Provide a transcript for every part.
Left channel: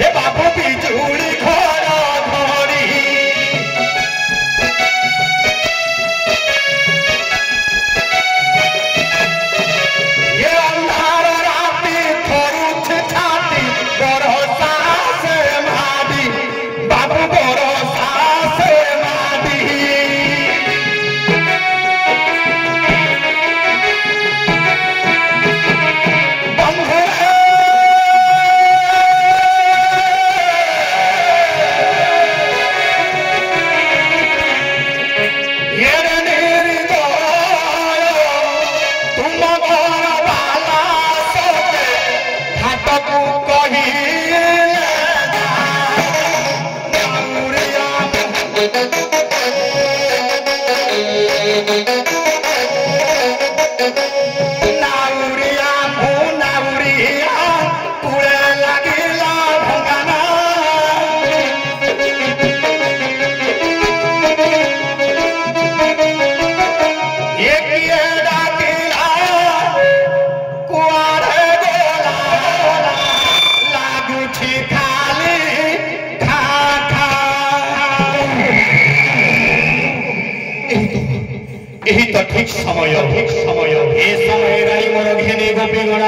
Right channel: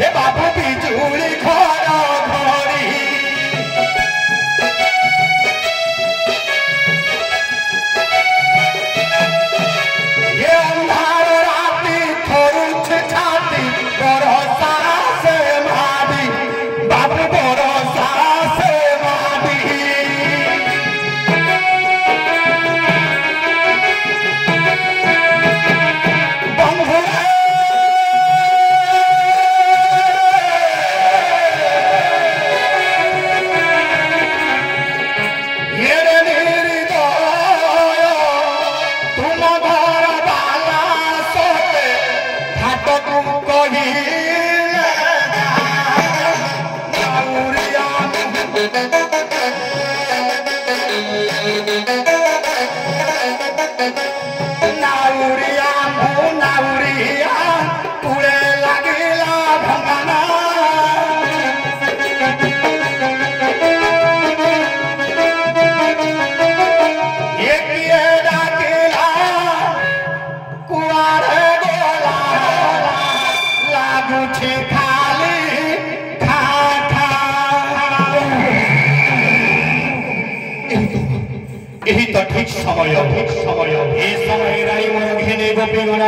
हे बाबू बिजुली घर घड़ी ये अंधार राती थोरुछ छाती भरोसा से मादी बाबू भरोसा से मादी यही तो ठीक समय ए समय राई मोर घेने गोपीगण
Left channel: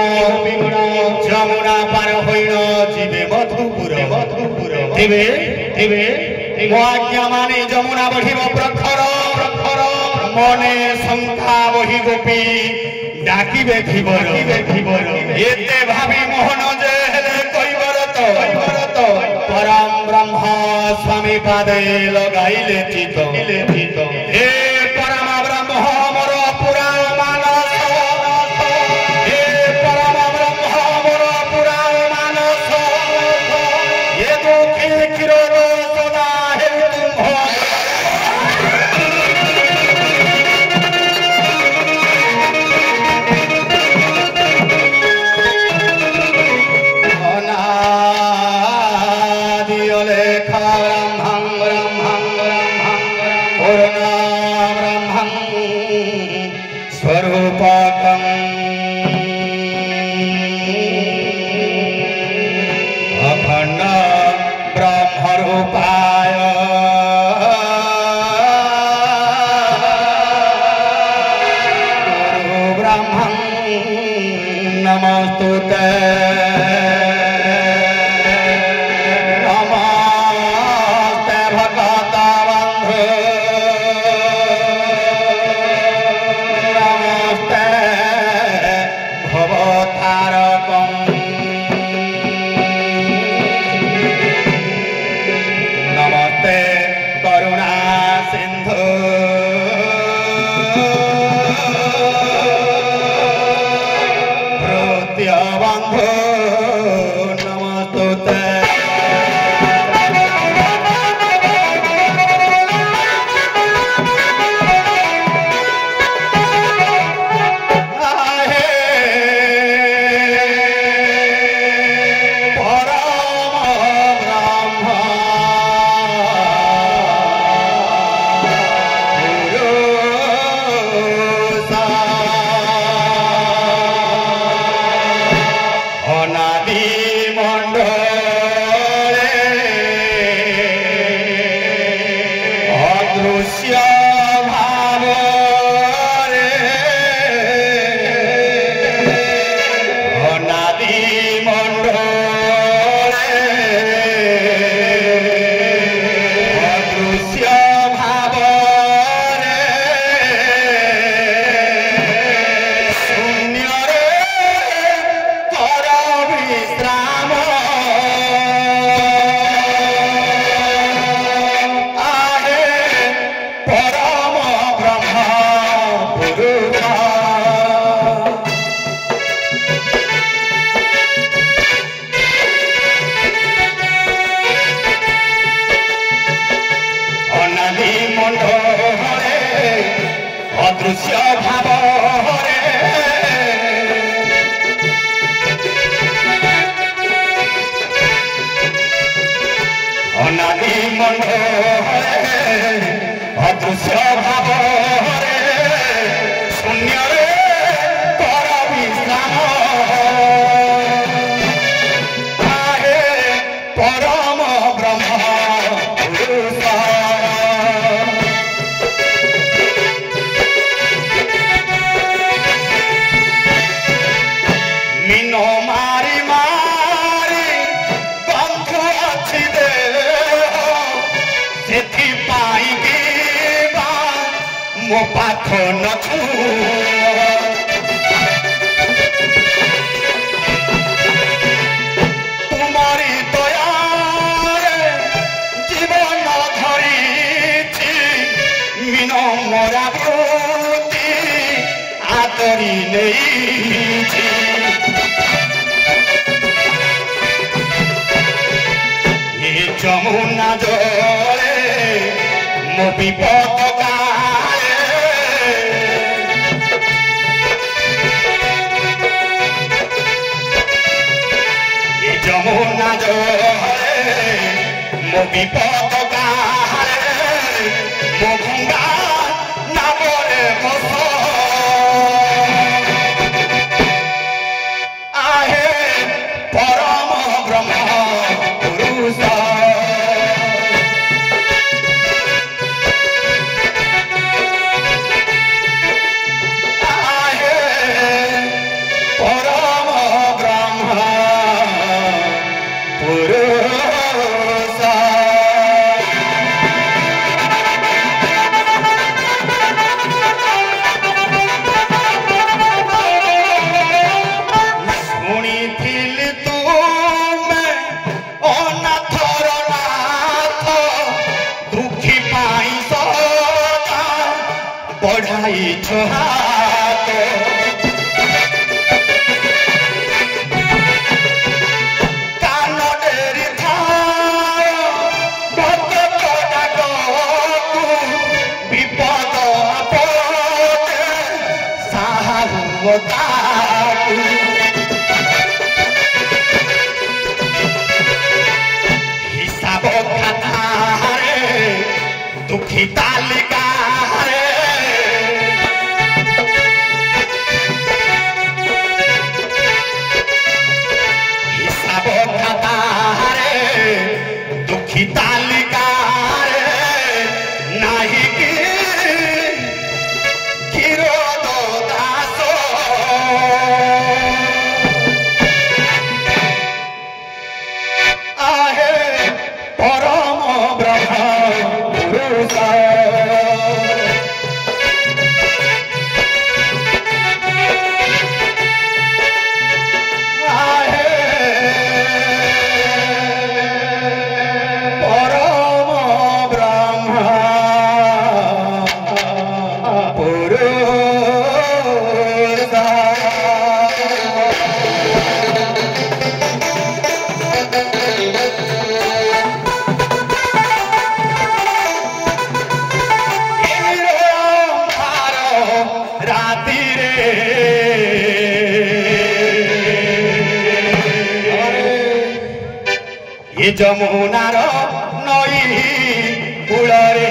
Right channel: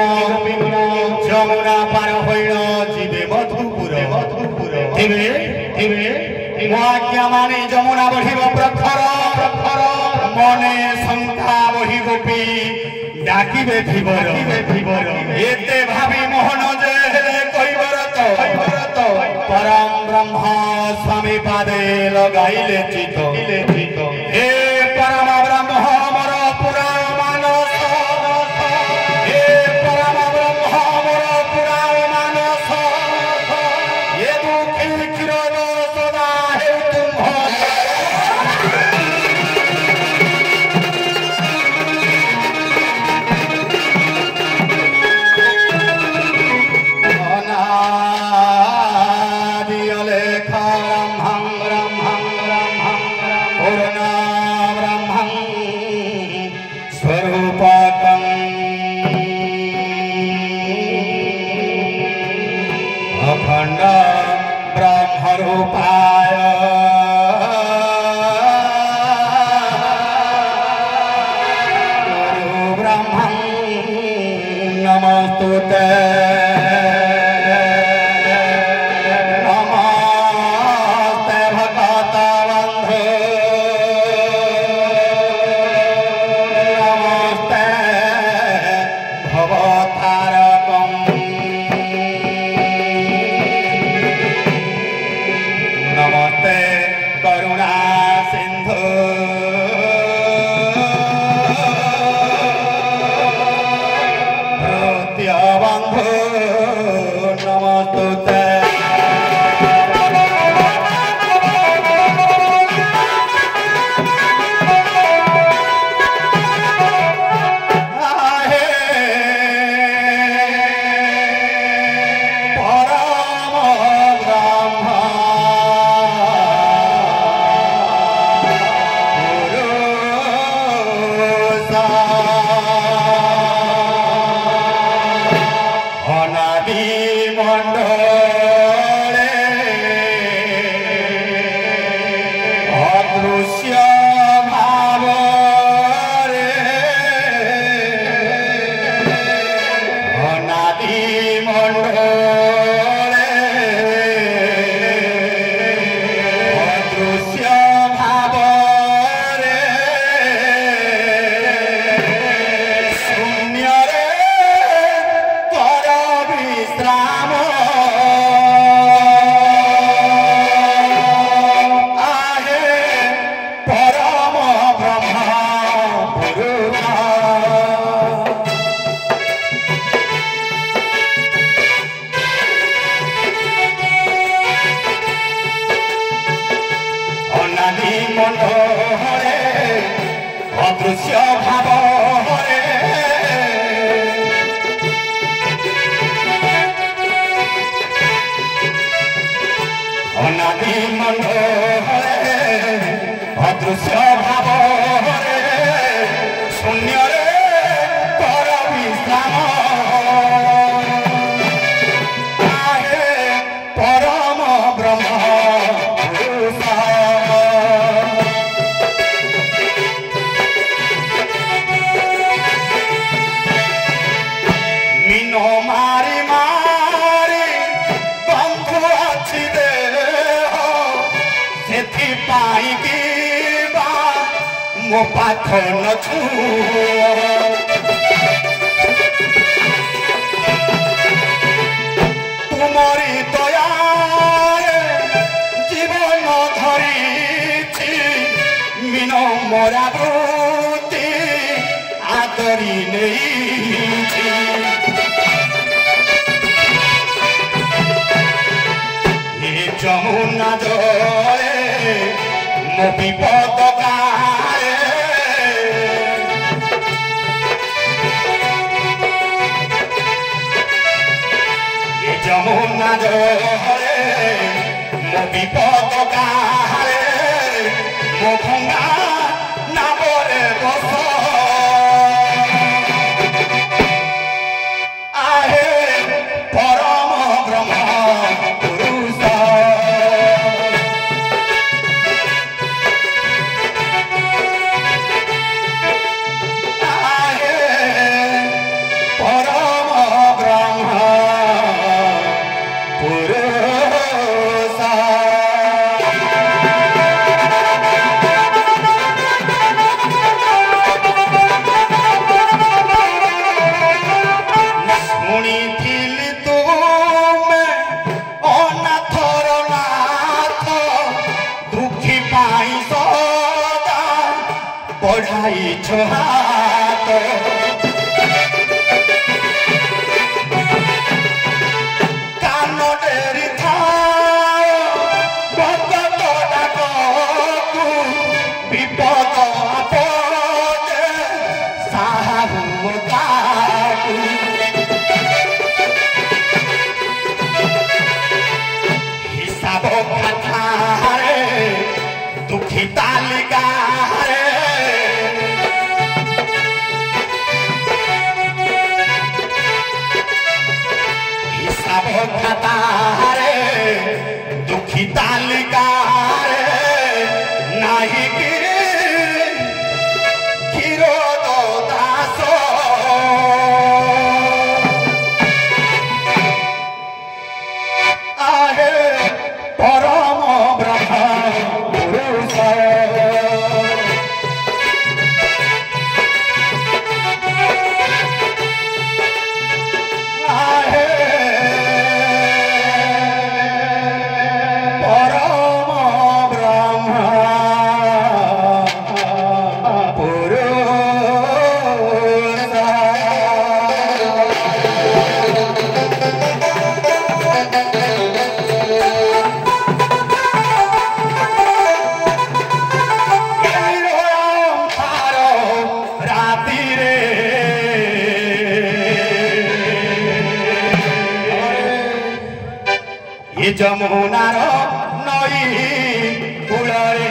जमुना पार होइन जीवे मधुपुर तेबे मो आज्ञा माने जमुना बढ़िब प्रखर मने शंका बढ़ी गोपी डाकिबे धीबर एते भावी मोहन जे कइबर तो परम ब्रह्म स्वामी पादे लगाइले चित हे परम ब्रह्म हमर पुराण मानस हे परम ब्रह्म हमर पुराण मानस ये दुखे किरोध सदा हे तुम परम ब्रह्म पुरुष मीन मारी मारी बंधु अच्छी दे मो पाथ न तुमरी दया जीवन धरी मीन मोरा गति आदरी नहीं ये जमुना जले मो विपद जमुना जले मो विपद मो भंगा नाबरे बस आहे परम ब्रह्म पुरुष आहे परम ब्रह्म बढ़ाई हाथ कान डेरी विपद हिसाब खाता दुखी तालिका दुखी तालिका नहीं कि क्षीरोद दास आहे परम ब्रह्म पुरुष ये जमुनार नई कूଳରେ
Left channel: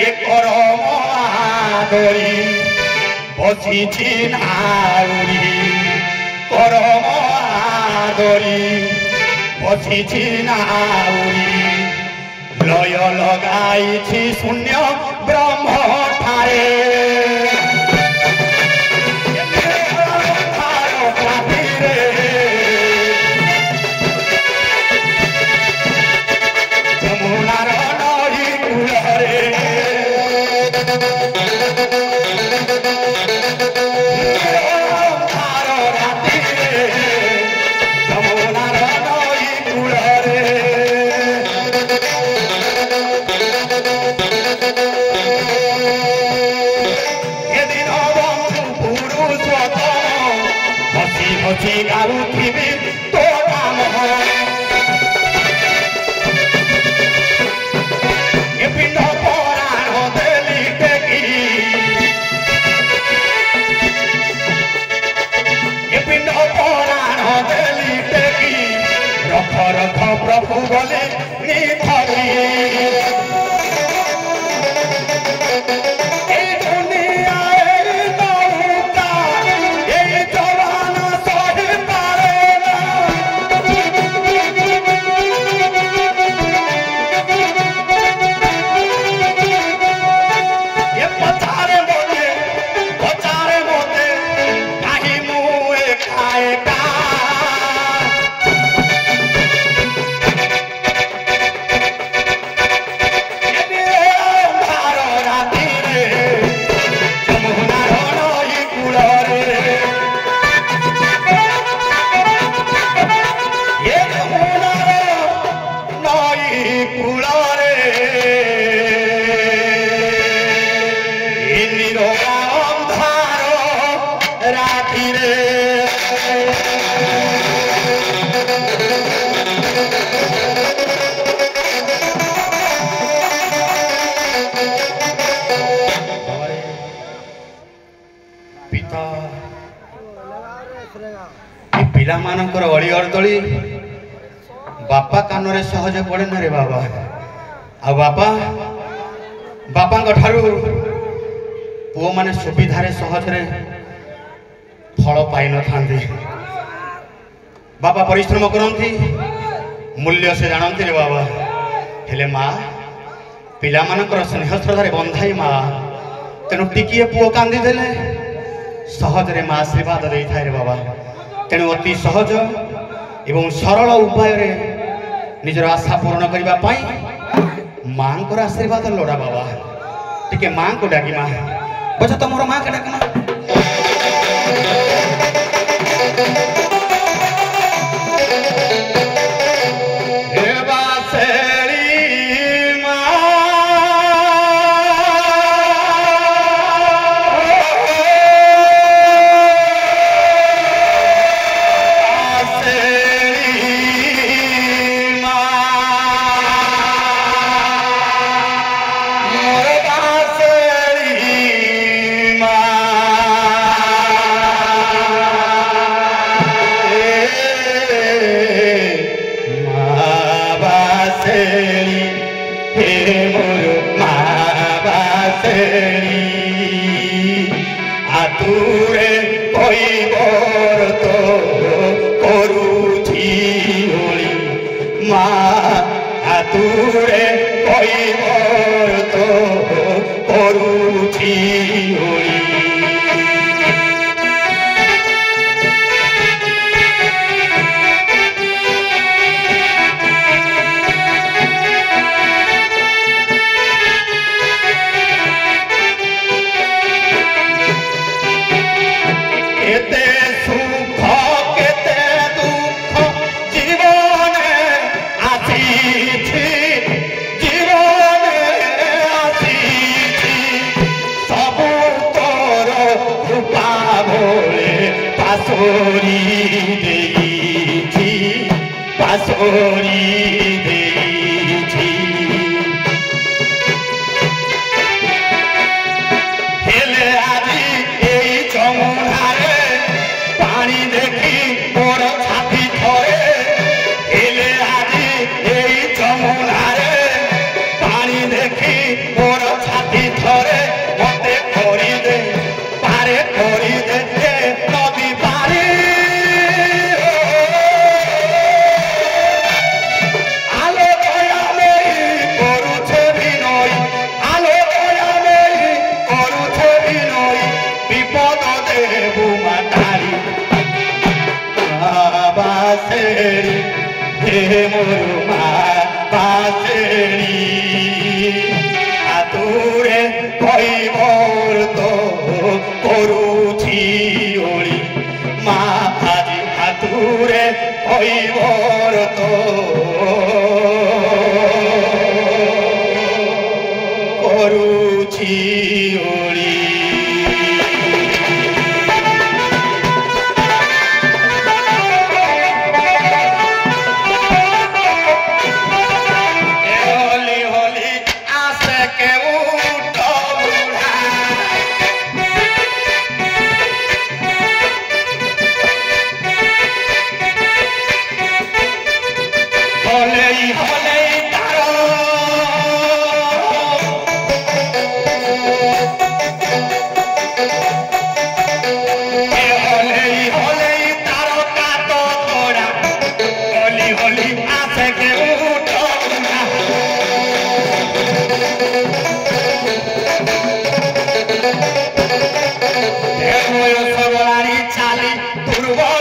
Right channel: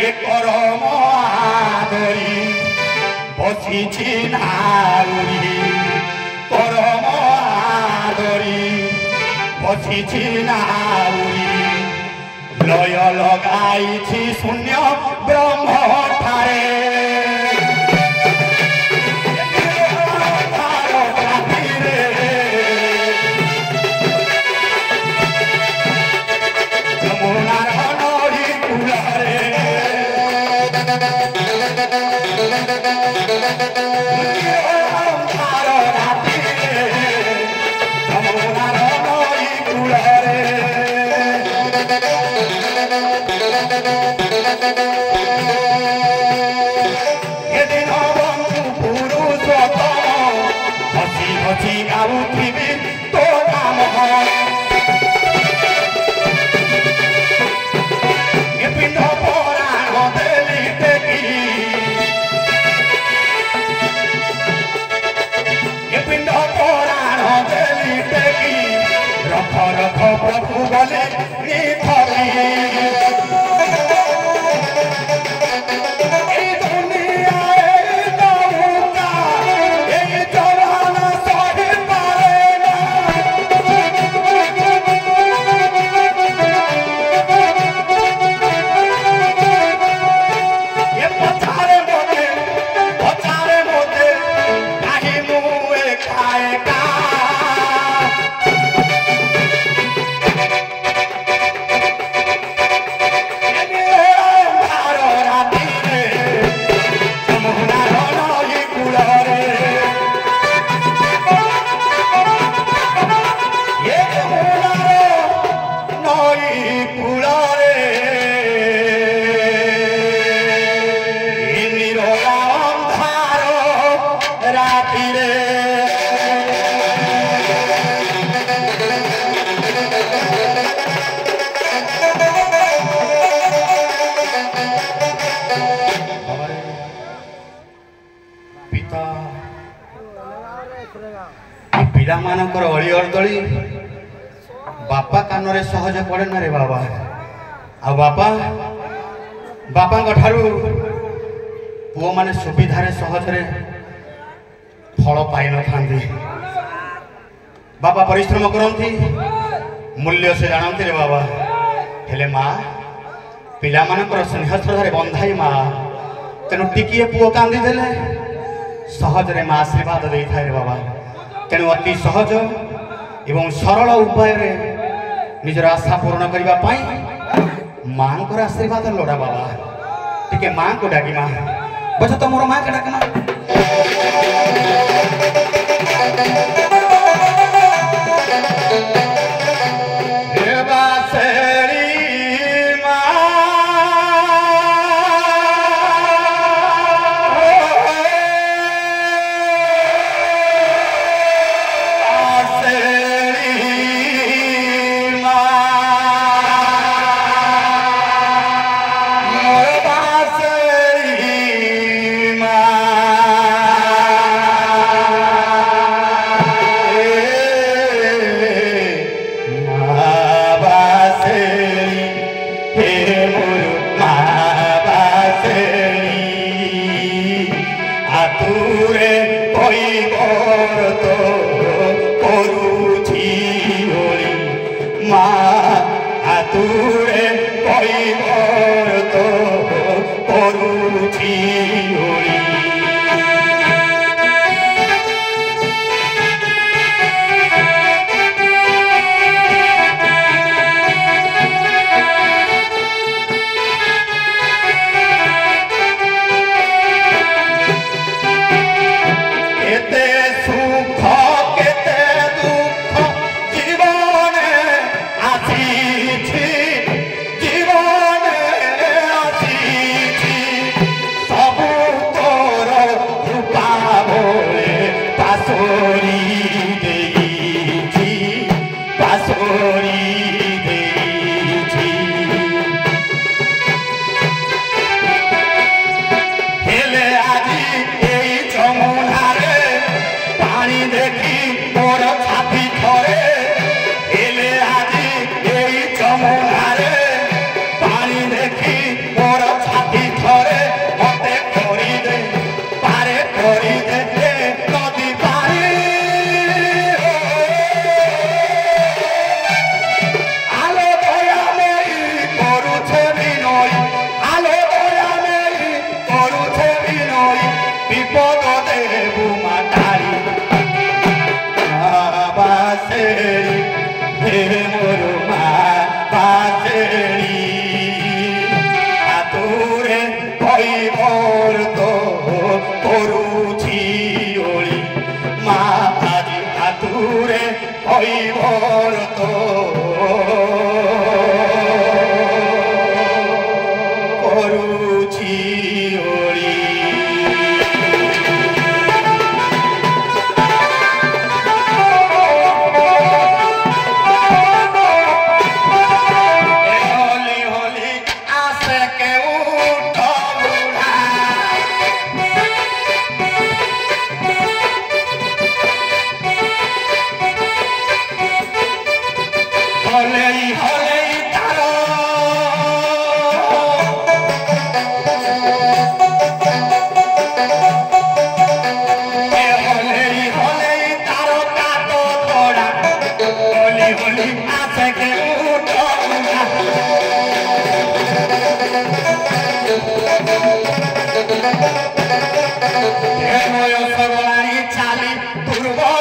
ये परम आदरी बसिछि नाउरी परम आदरी बसिछि नाउरी लय लगाइछि शून्य ब्रह्म ठारे हसी गाउथिबी तो नाम ए पिंड पुराण देली टेकी ए पिंड पुराण देली टेकी रख रख प्रभु बोले निथरी दुनिया पिला मानकर अड़ी अड़दली बापा कान रे सहज पड़े ना रे बाबा आ बापा बापा ठारू पुओ माने सुविधा रे सहज रे फल पाई न थांती बापा परिश्रम करती मूल्य से जानती रे बाबा हेले माँ पिला मानकर स्नेह श्रद्धा बंधाई माँ तेणु टिकिए पुओ कांदी देले सहज रे माँ आशीर्वाद दे था रे बाबा तेणु अति सहज एवं सरल उपाय रे निजर आशा पूर्ण करने पाई माँ को आशीर्वाद लोड़ा बाबा टिके माँ को डाकी माँ बच तो मोर माँ के डाकना दुर्बल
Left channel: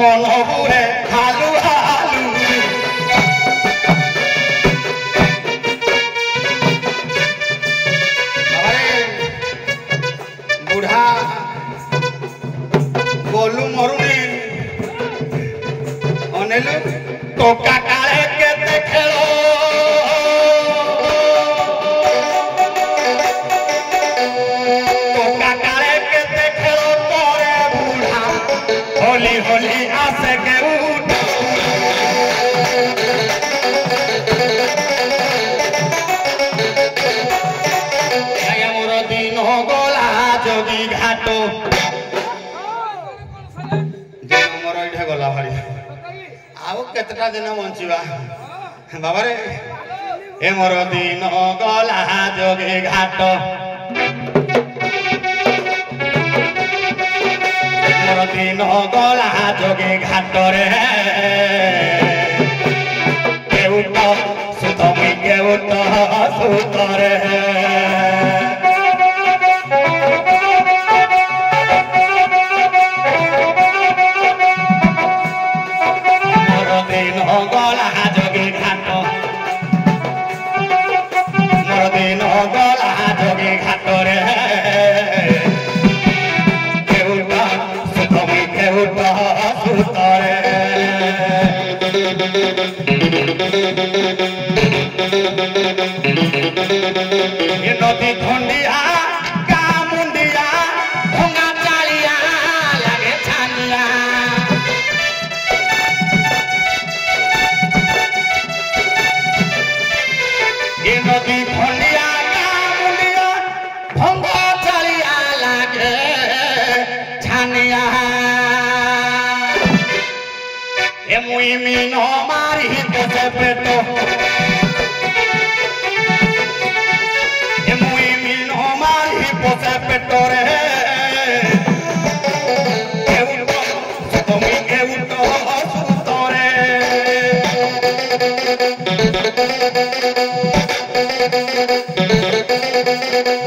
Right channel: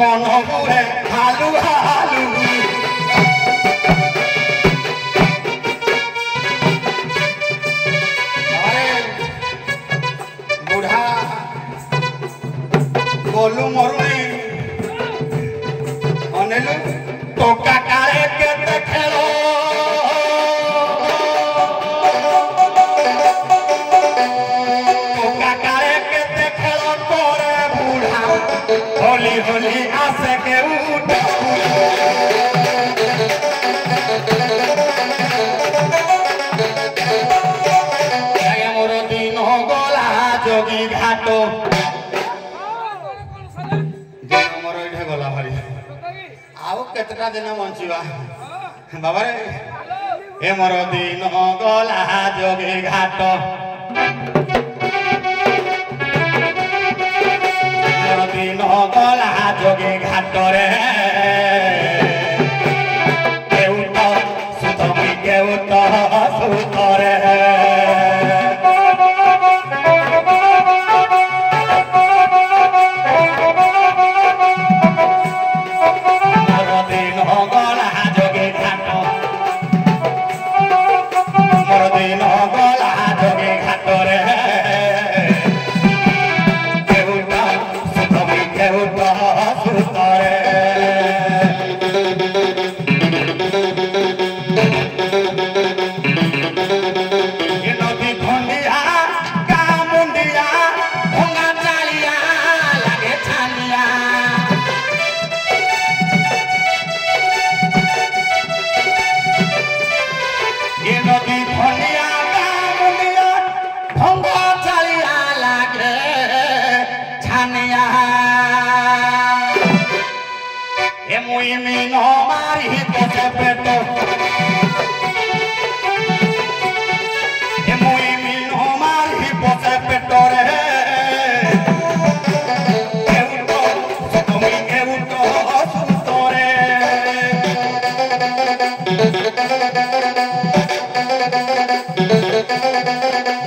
मन हुए हालू हालू अरे बुढ़ा गोलू मरुनी अनेलू टोका काले केते खेलो टोका काले केते खेलो तोरे बुढ़ा होली होली आसे के उठ मोर दिन गला जोगी घाटो मोर इठे गला भारी आउ केतटा दिन बंचिबा बाबा रे ए मोर दिन गला जोगी घाटो मोर दिन गला जोगी घाट रे केउट सुत मुई केउट सुत रे मोर दिन गला जोगी घाट मोर दिन गला जोगी घाट रे केउट सुत मुई केउट सुत रे ये नदी धुंडिया का मुंडिया भंगा चालिया लगे छानिया ये नदी धुंडिया का मुंडिया भंगा चालिया लगे छानिया ये मुई मीनो मारी तो से पेटो पेटो रे केउट सुत मुई केउट सुत रे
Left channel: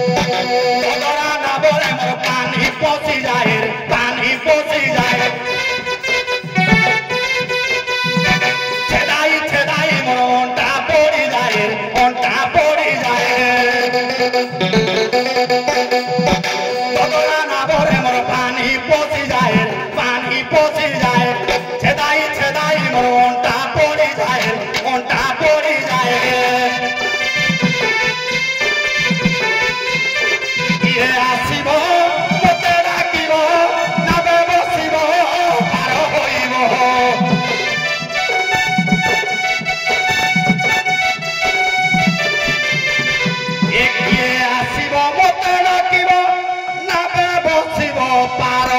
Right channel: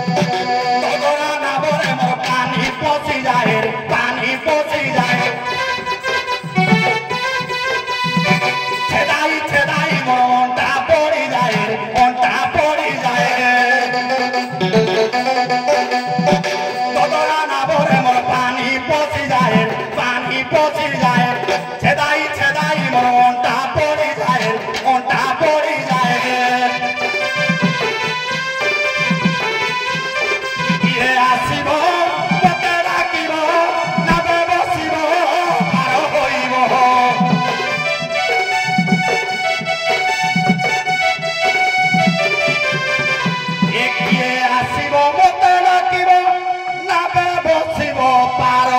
तोरा ना बोले मोर पानी पसी जाए छेदाई छेदाई मोंटा पड़ी जाए पानी पसी जाए छेदाई छेदाई मोंटा पड़ी जाए ये आसिब मते डाकिब नाबे बसिब पार होइब एक ये आसिब मते डाकिब नाबे बसिब पार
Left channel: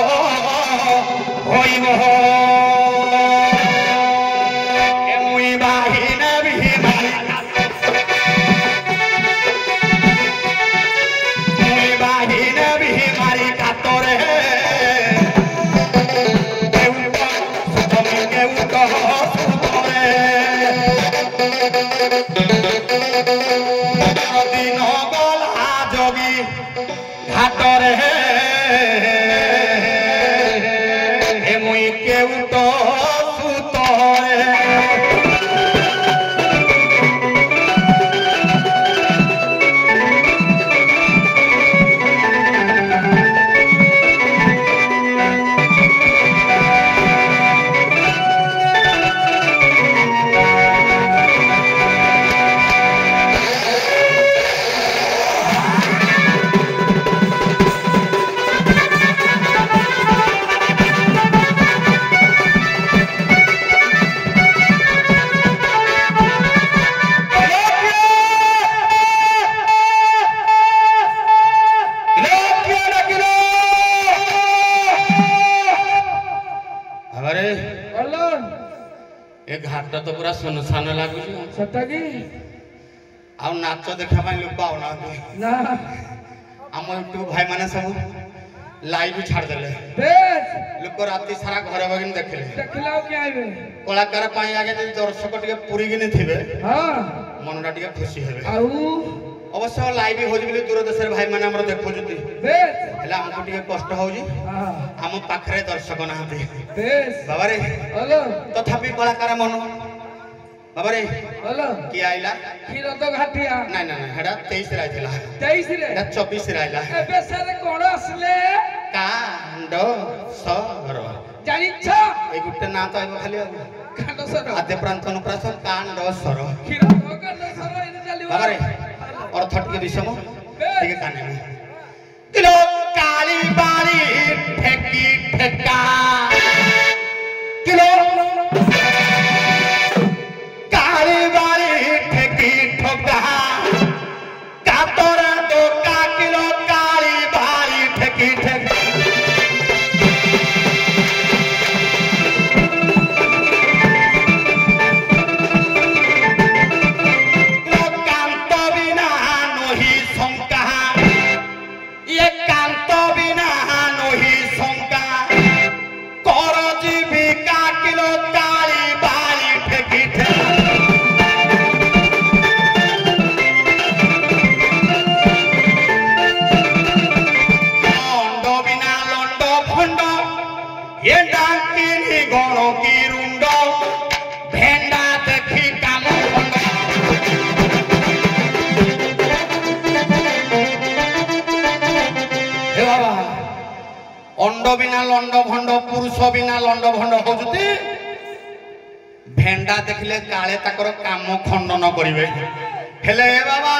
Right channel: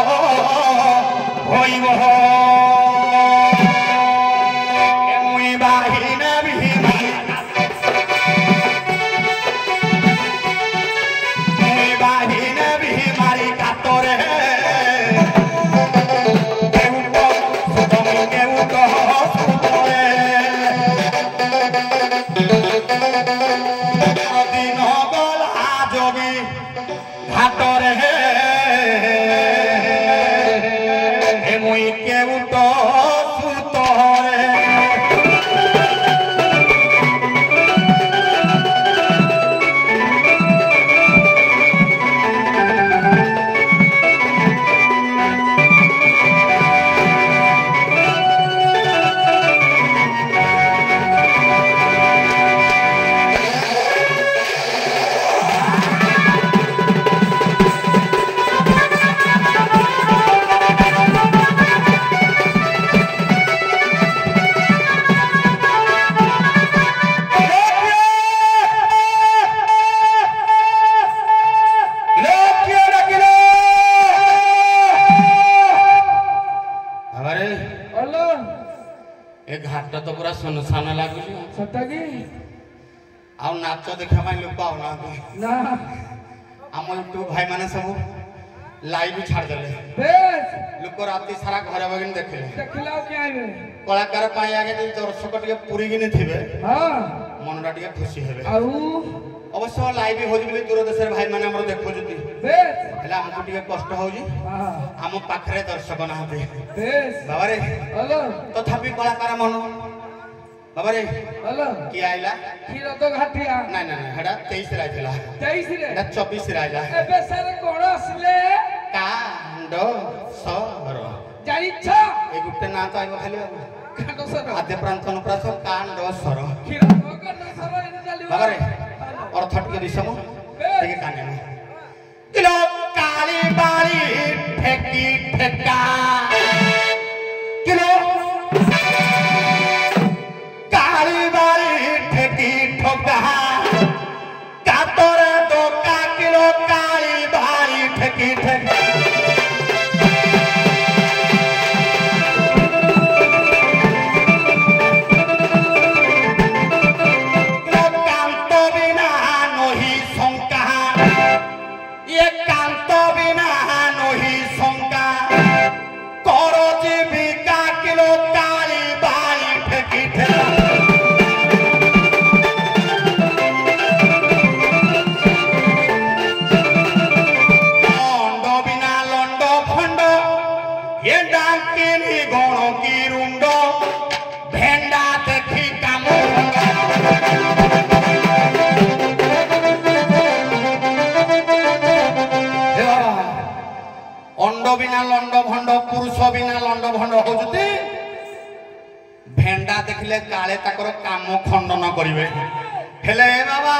होइब एमुई बाहिना बिहिमारी मुई बाहिना बिहिमारी कातरे केउट सुत मुई केउट सुत रे दिन गला जोगी घाट रे मुई केउट सुत रे ए घाट तो पूरा सुनसान लागुनी सता की आ नाच देखा पाई लोक आउना ना हम यूट्यूब भाई माने सब लाइव छाड़ देले बेस लोक राती सारा घरे बगिन देखले देखलाओ के आइबे कलाकार पाई आगे जे दर्शक टिके पूरी गिने थिबे हां मनटा टिके खुशी हेबे आउ अवश्य लाइव हो जी दूर देश भाई मैंने हमर देखुछथि बेस हेला हमको टिके कष्ट होउजी हां हम पाखरे दर्शक नाहते बेस बाबा रे हेलो तथापि कलाकार मन बाबा रे हेलो की आइला खीर तो घाटिया नहीं नहीं हेडा 23 रे आइला 23 रे हेडा 24 रे आइला एबे सारे कोण असले कांड सर जानिछ ए गुटे नाम तो आइबो खाली कांड सर आद्य प्रांत अनुप्रास कांड सर खीर तो कांड सर इन चालिबो बाबा रे अर्थ टिके दिसम टिके काने किलो काली बाली ठेकी ठेका किलो काली बाली ठेकी ठोका कातर दोका किलो काली बाली ठेकी ठेका कांत बिना नही शंका ये कांत बिना नही शंका कर जीविका किलो काली बाली ठेकी ठेका लंड बिना लंड फंड ये डाकिनी गण की रुंड भेंडा देखी काम अंड बिना लंड भंड पुरुष बिना लंड भंड होजुती भेंडा देखिले काले ताकर काम खंडन करिवे हेले बाबा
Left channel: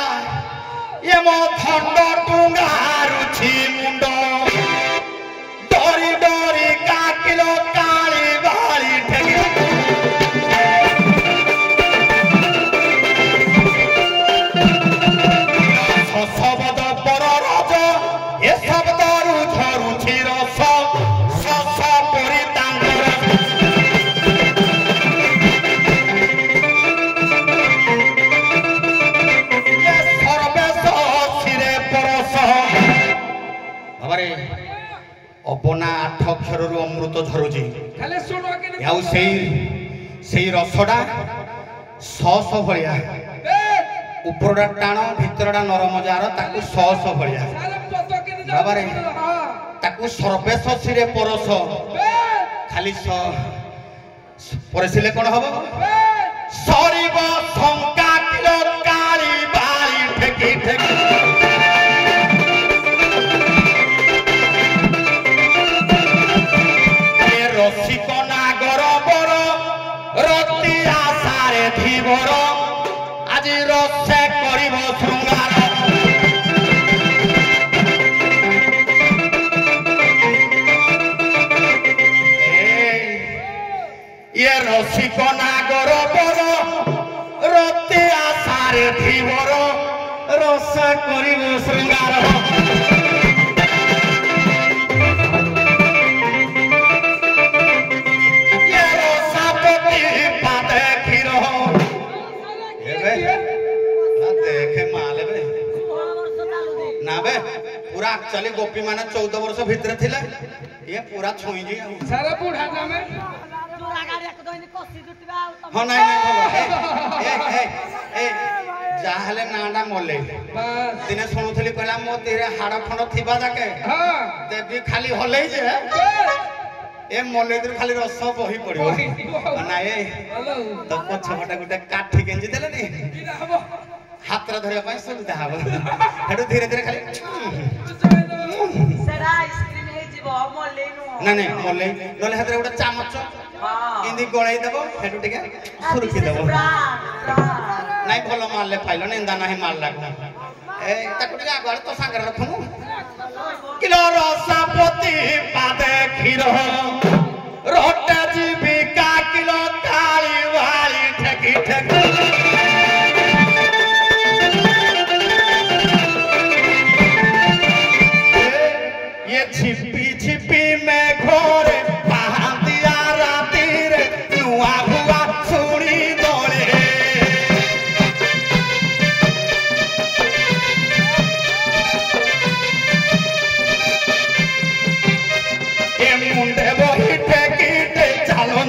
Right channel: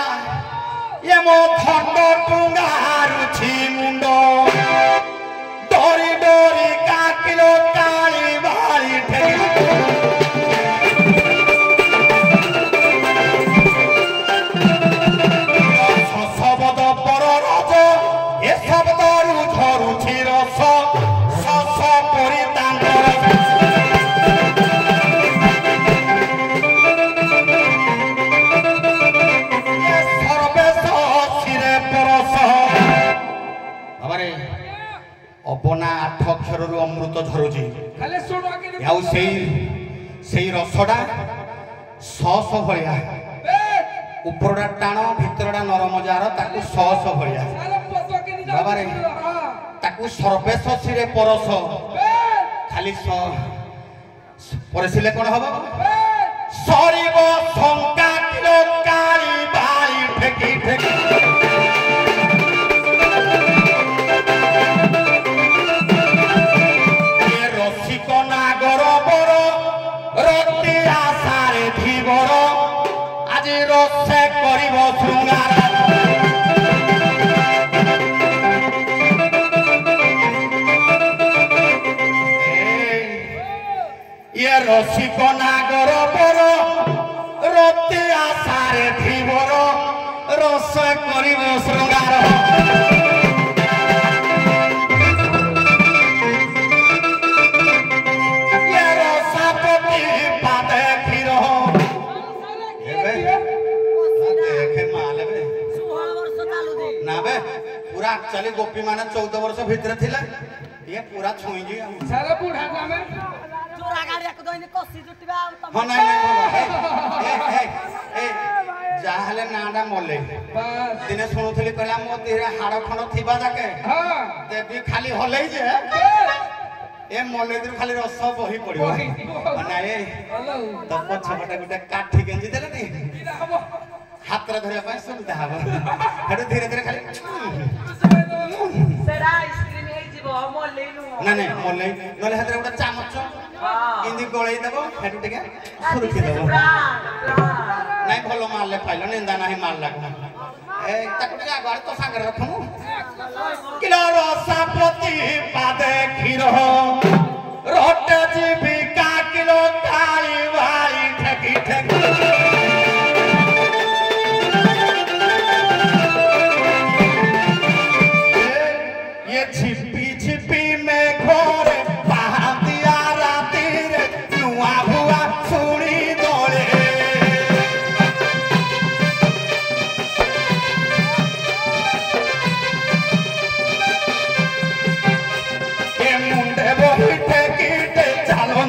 ये मो खंड टुंगा रुछि मुंड डोरी डोरी काकिलो काली बाली ठेकी शब्द पर रज ए शब्दरु झरुछि रस शस परितांग सर्वेश शिरे परस बाबारे अबना 8 अक्षररु अमृत झरुछि खाली सुनो कि याउ सेई रसडा सस भलिया उपरडा टाण भितरडा नरम जार ताकू सस भलिया साले पतो कि बाबा रे। हां ताकू सर्वेश शिरे परस खाली परसिले कोन हबो सरीब शंका किलो काली बाली ठेकी ठेकी ए रसिक नागर बर रति आशारे धीवर आज रसे करिब शृंगार ये रसिक नागर बर रति आशारे धीवर रस करिब शृंगार ये रसापति पादे खीर देखे माले ना बे पूरा एक्चुअली गोपी माने 14 वर्ष भीतर थिले ये पूरा छुई जी सारे बूढ़ा जामे हाँ नहीं जाहले नाडा मले बस दिने शुणुली कहला मो देहरे हाड़ खंड थिबा जाके हां देवी खाली हलै जे ए मले खाली रस बही पड़ियो ना ए हेलो तो पछपटा गुटे काठी गेंजी देले नहीं किरा हबो हाथ धरिया पाए सुविधा हबो हेडु धीरे धीरे खाली सेरा आइसक्रीम हे जीवो मले नु नहीं मले नले हेतरे गुटे चामच हां इंदी गळै देबो हेडु टिके सुरुखी देबो नहीं भलो मारले पाइलो निंदा नहीं मार लागना ए ताको टिके आगुआर तो सांगर रखनु किलो रसापति पादे खीर रोटे जीविका किलो काली वाली ठेकी ठेकी ये छिपी छिपी में घोरे पहातिया राती रे नुआ हुआ सुनी दोले ये मुंडे बोही ठेकी ठे चालन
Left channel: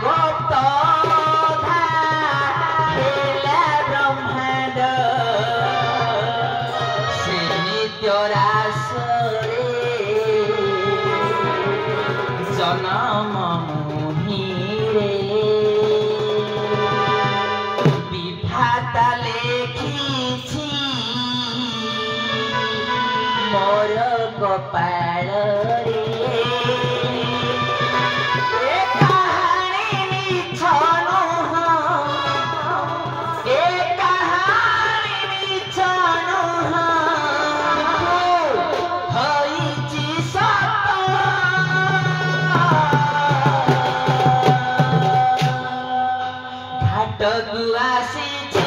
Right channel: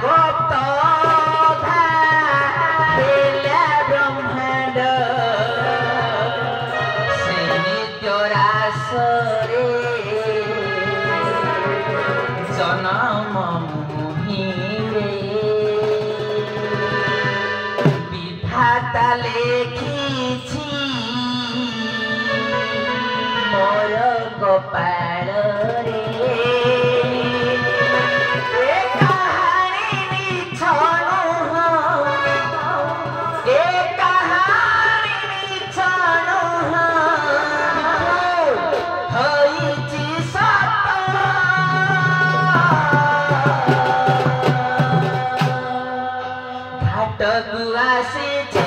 Gopta dha কবিতা লেখিছি মোর কপাଳରେ এ কাহাণী মিছ নୁହଁ এ কাহাণী মিছ ନୁହଁ ହୋଇଛି ସତ ଘାଟକୁ ଆସିଛି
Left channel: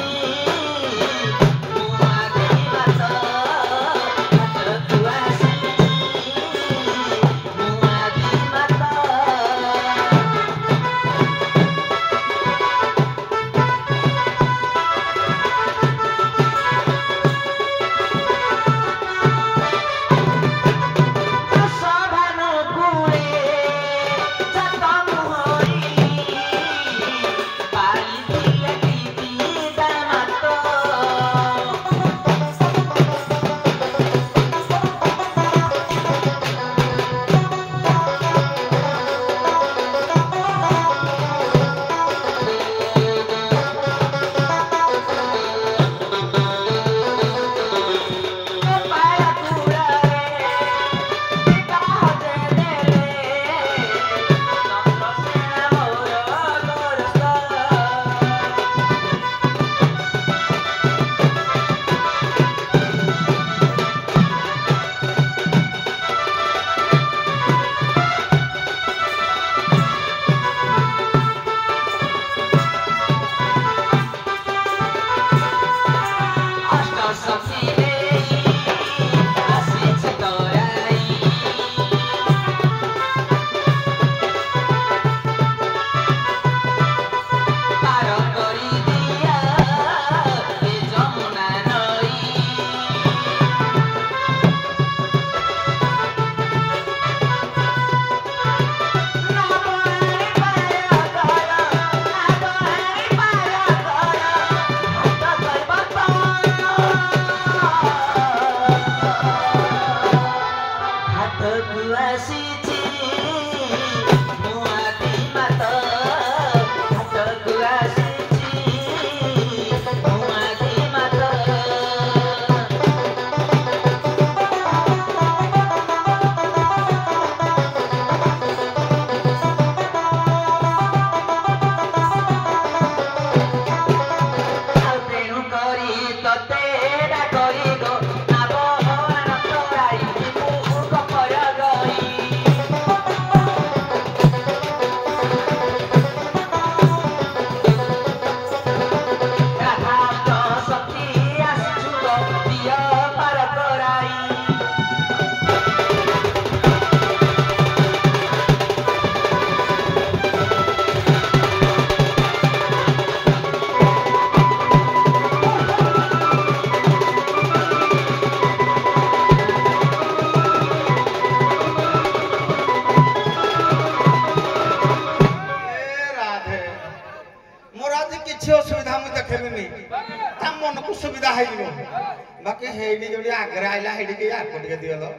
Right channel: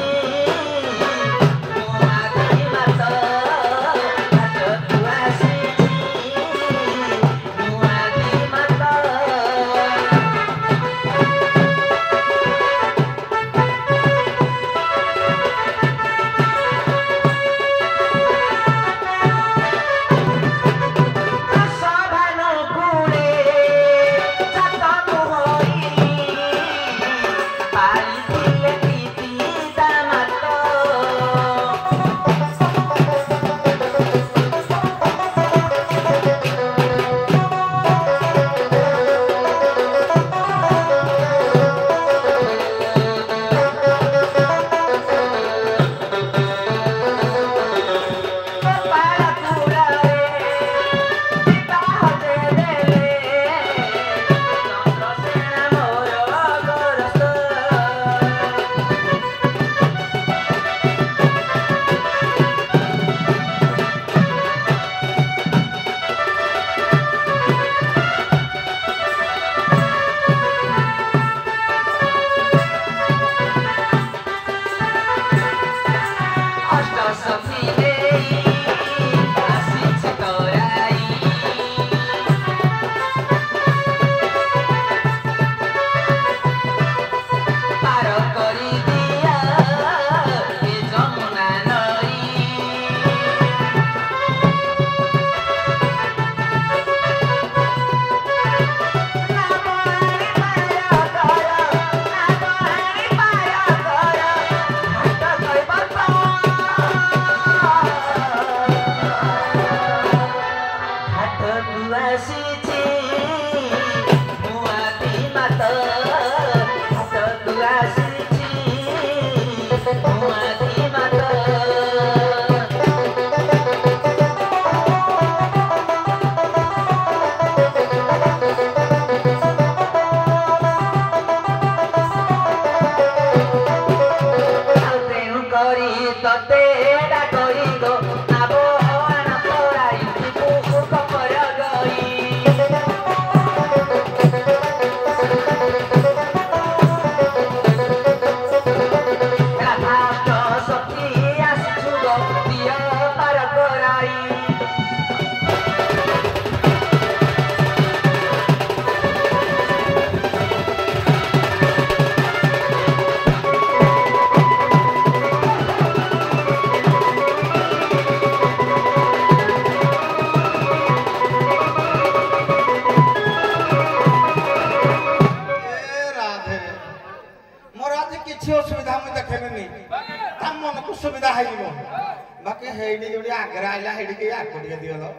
बाकी हेडी जोड़ी आगरा आइला हेडी के आको टिके दियलो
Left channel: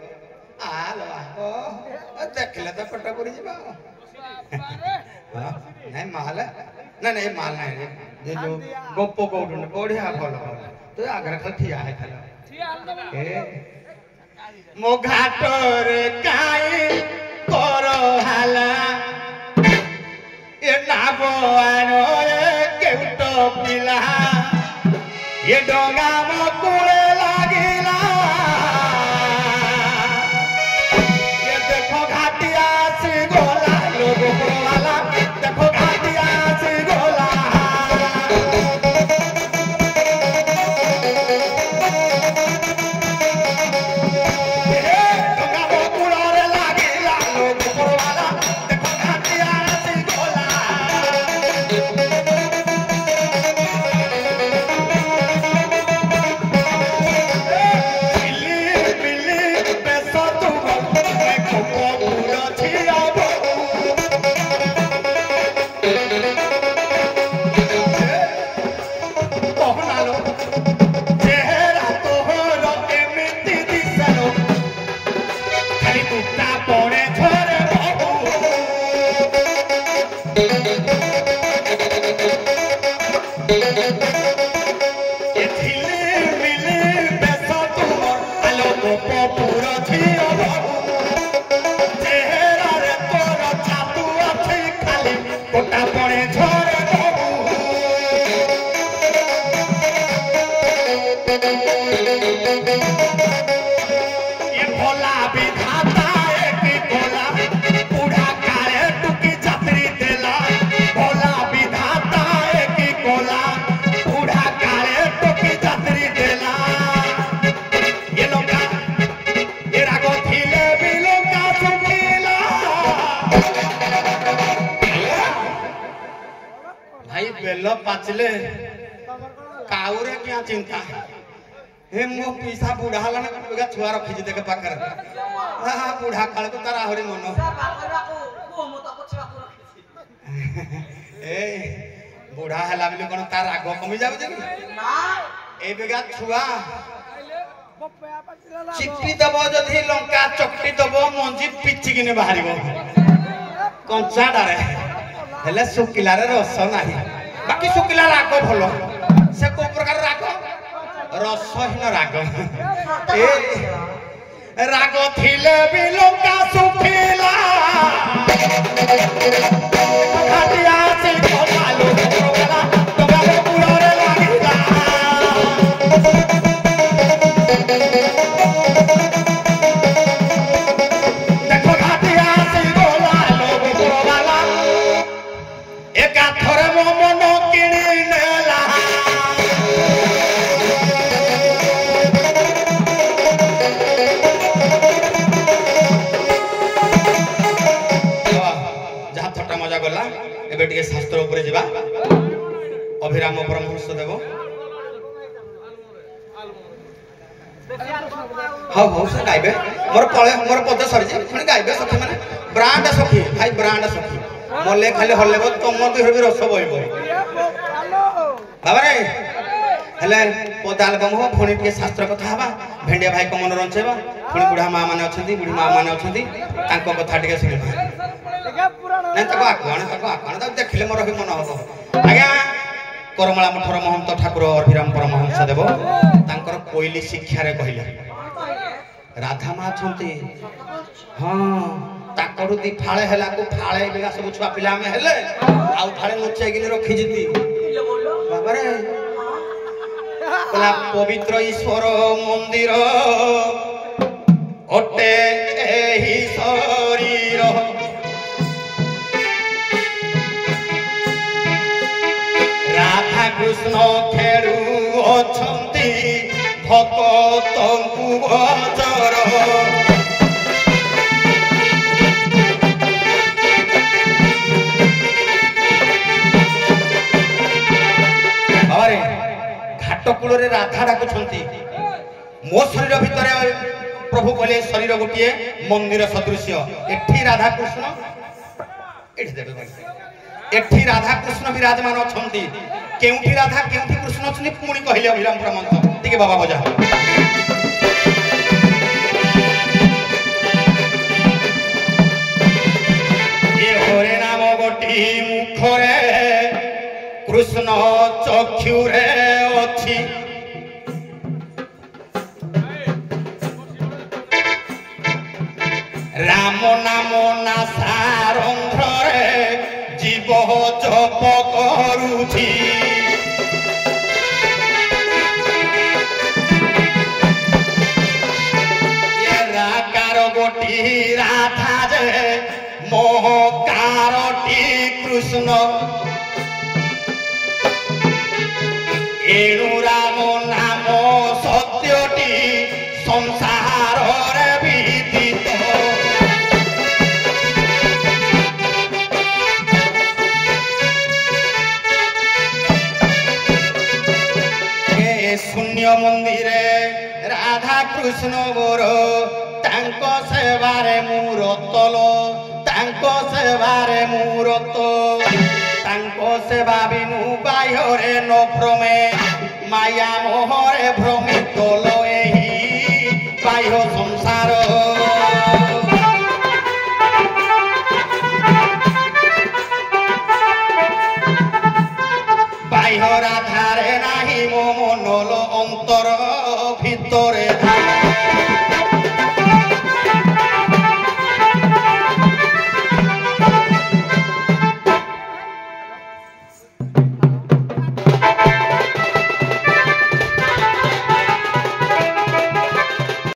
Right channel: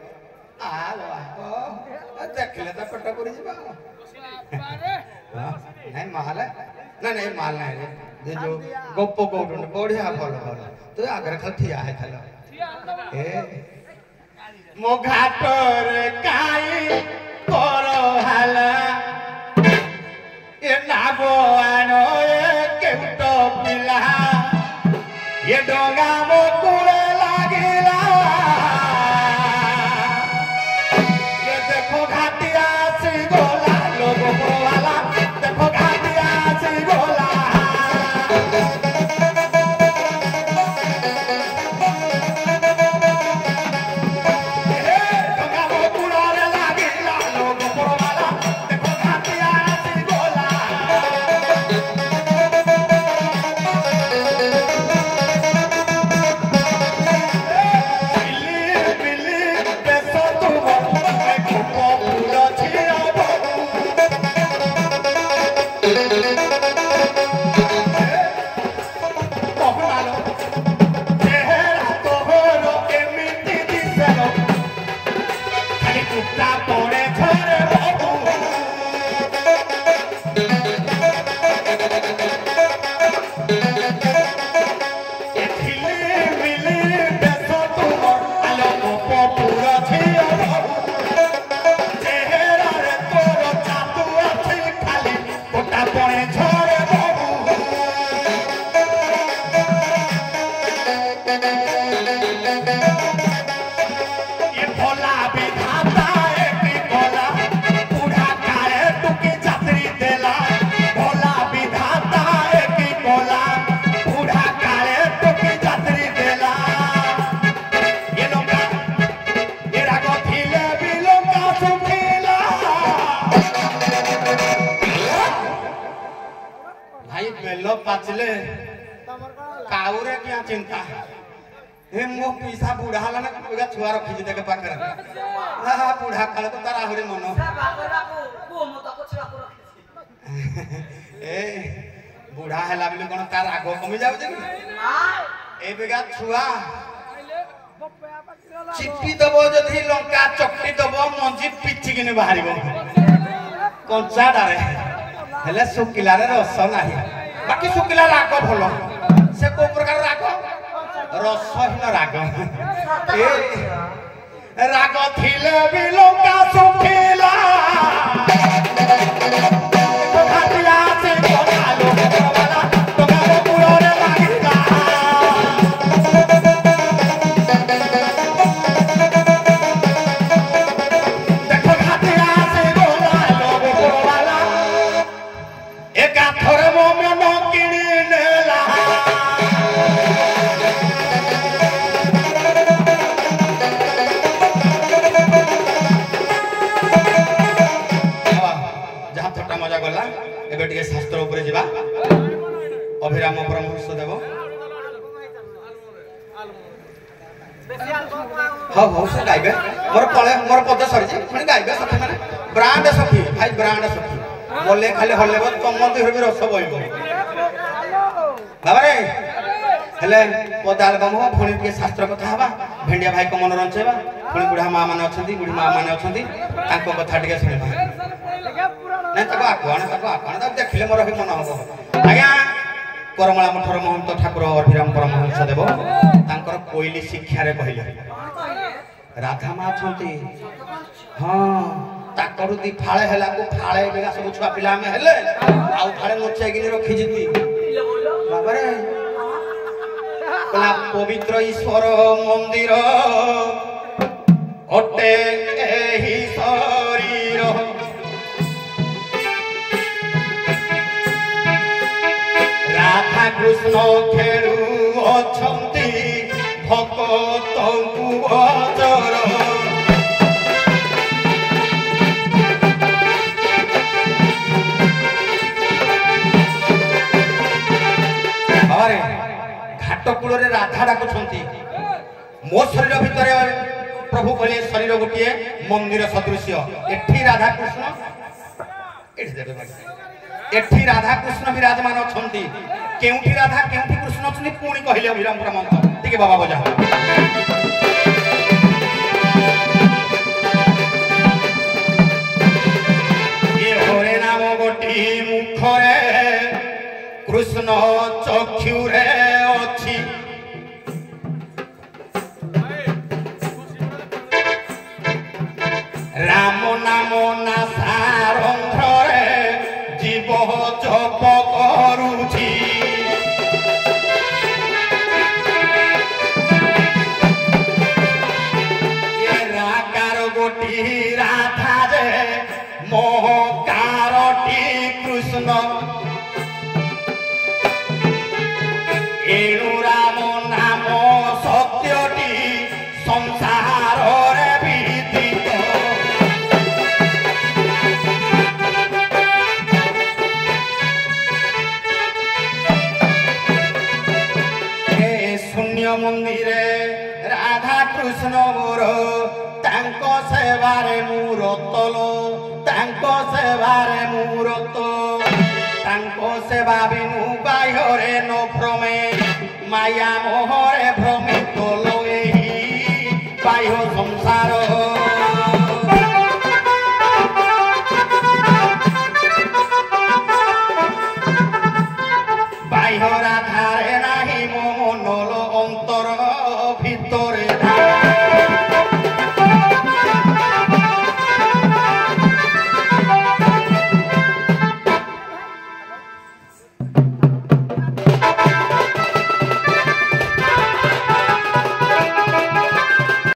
आलो आको देखले तो पट्टा पड़ी जिबा हां नहीं माल नहीं माल नहीं ये जो गोपो कोडुन बढ़िया भल भल तो आगरा खा ठिया है खाला ए मो घाटर काई करो हाला ए नागो आनो ए केउटो पिला ये डोंगा मो कुले लागिला ये देखो घाटिया सी गोला लोगो वाला देखो घाटिया सी गोला डोंगा मो कुले लागिला लोगो वाला देखो घाटिया सी गोला ये भोला विधाता की भोला बूढ़ा काले टुकी छतरी देला भोला विधाता की भोला बूढ़ा काले टुकी छतरी देला ये लोका ये रागो थीले भी लोका सुखीला भाई बेलो पाचले काउरे क्या चिंता हे मो पैसा बुढ़ा हला ना पूरा छुआ रखी जे के पाखर हा बुढ़ा काल तो तारा हरि मन ए बुढ़ा हला बिले कोन तार राग कमी जाउ जे ए बेगा छुआ चिपी दबो जथि लंका चक्री दबो मंजी पिची किने बाहरिबो कंचा डारे हेले सुकिला रे रस नाही बाकी सुकिला राग भलो से को प्रकार राग रसहीन राग ए राग थिले भी लंका सुखिला घाटिया से कोकालो वाला तो गाले पुराना लागिला देखो घाटिया से कोकालो वाला एका थोरे मन किनी नेला एबे टिके शास्त्र ऊपर जिबा अभिराम परमहंस देव हां हो से गाइबे मोर पद सरी जे पुणी गाइबे सखी माने ब्रांड सखी भाई ब्रांड सखी मोले खाली हल्लेबो तम देह भी रस बइबो बाबा रे हेले पद एल्बम हो पुणी टिके शास्त्र कथा हबा भेंडिया भाई को मन रंचेबा पुणी बुढ़ा मां माने अछंती बुढ़ी मां माने अछंती तांको कथा टिके सुनिबा नहीं तको आकवाण देखले मोर भी मन हबो आज्ञा करमला मठर महंत ठाकुर अभिराम परमहंस देव तांकर कोइली शिक्षा रे कहिला राधा मा छंती हां ताकरु दी फाळे हैला को फाळे बेगा सब छुआ पिला में हेले आउ फाळे नोचे गिने रखि जिती बाबा रे कला पवित्र ईश्वर मंदिर ओटे एही शरीर राधा कृष्ण खेलु अछंती भक्तंकु अजर बाबारे घाट कूल रे राधा डाकुछंती मो शरीर भितर प्रभु कहले शरीर गोटिए मंदिर सदृश्य एठी राधा कृष्ण एठी देबे भाई एठी राधा कृष्ण विराजमान अछंती केउठी राधा केउठी कृष्ण अछंती पुणी कहले अभिराम परमहंस टिके बाबा बजा ये हरे नाम गोटी मुखरे कृष्ण चक्षुरे अछि राम नाम नासारंध्रे जीव जप करुछि ये राकार गोटी राधा जे मोहकारटी कृष्ण एणु राम नाम सत्यटी संसार रे विदित शून्य मंदिरे राधा कृष्ण मोर तांको सेवारे मूरतल तांको सेवारे मूरत तांको सेवा बिनु बाह्ୟରେ ନ भ्रमे माया मोहरे भ्रमे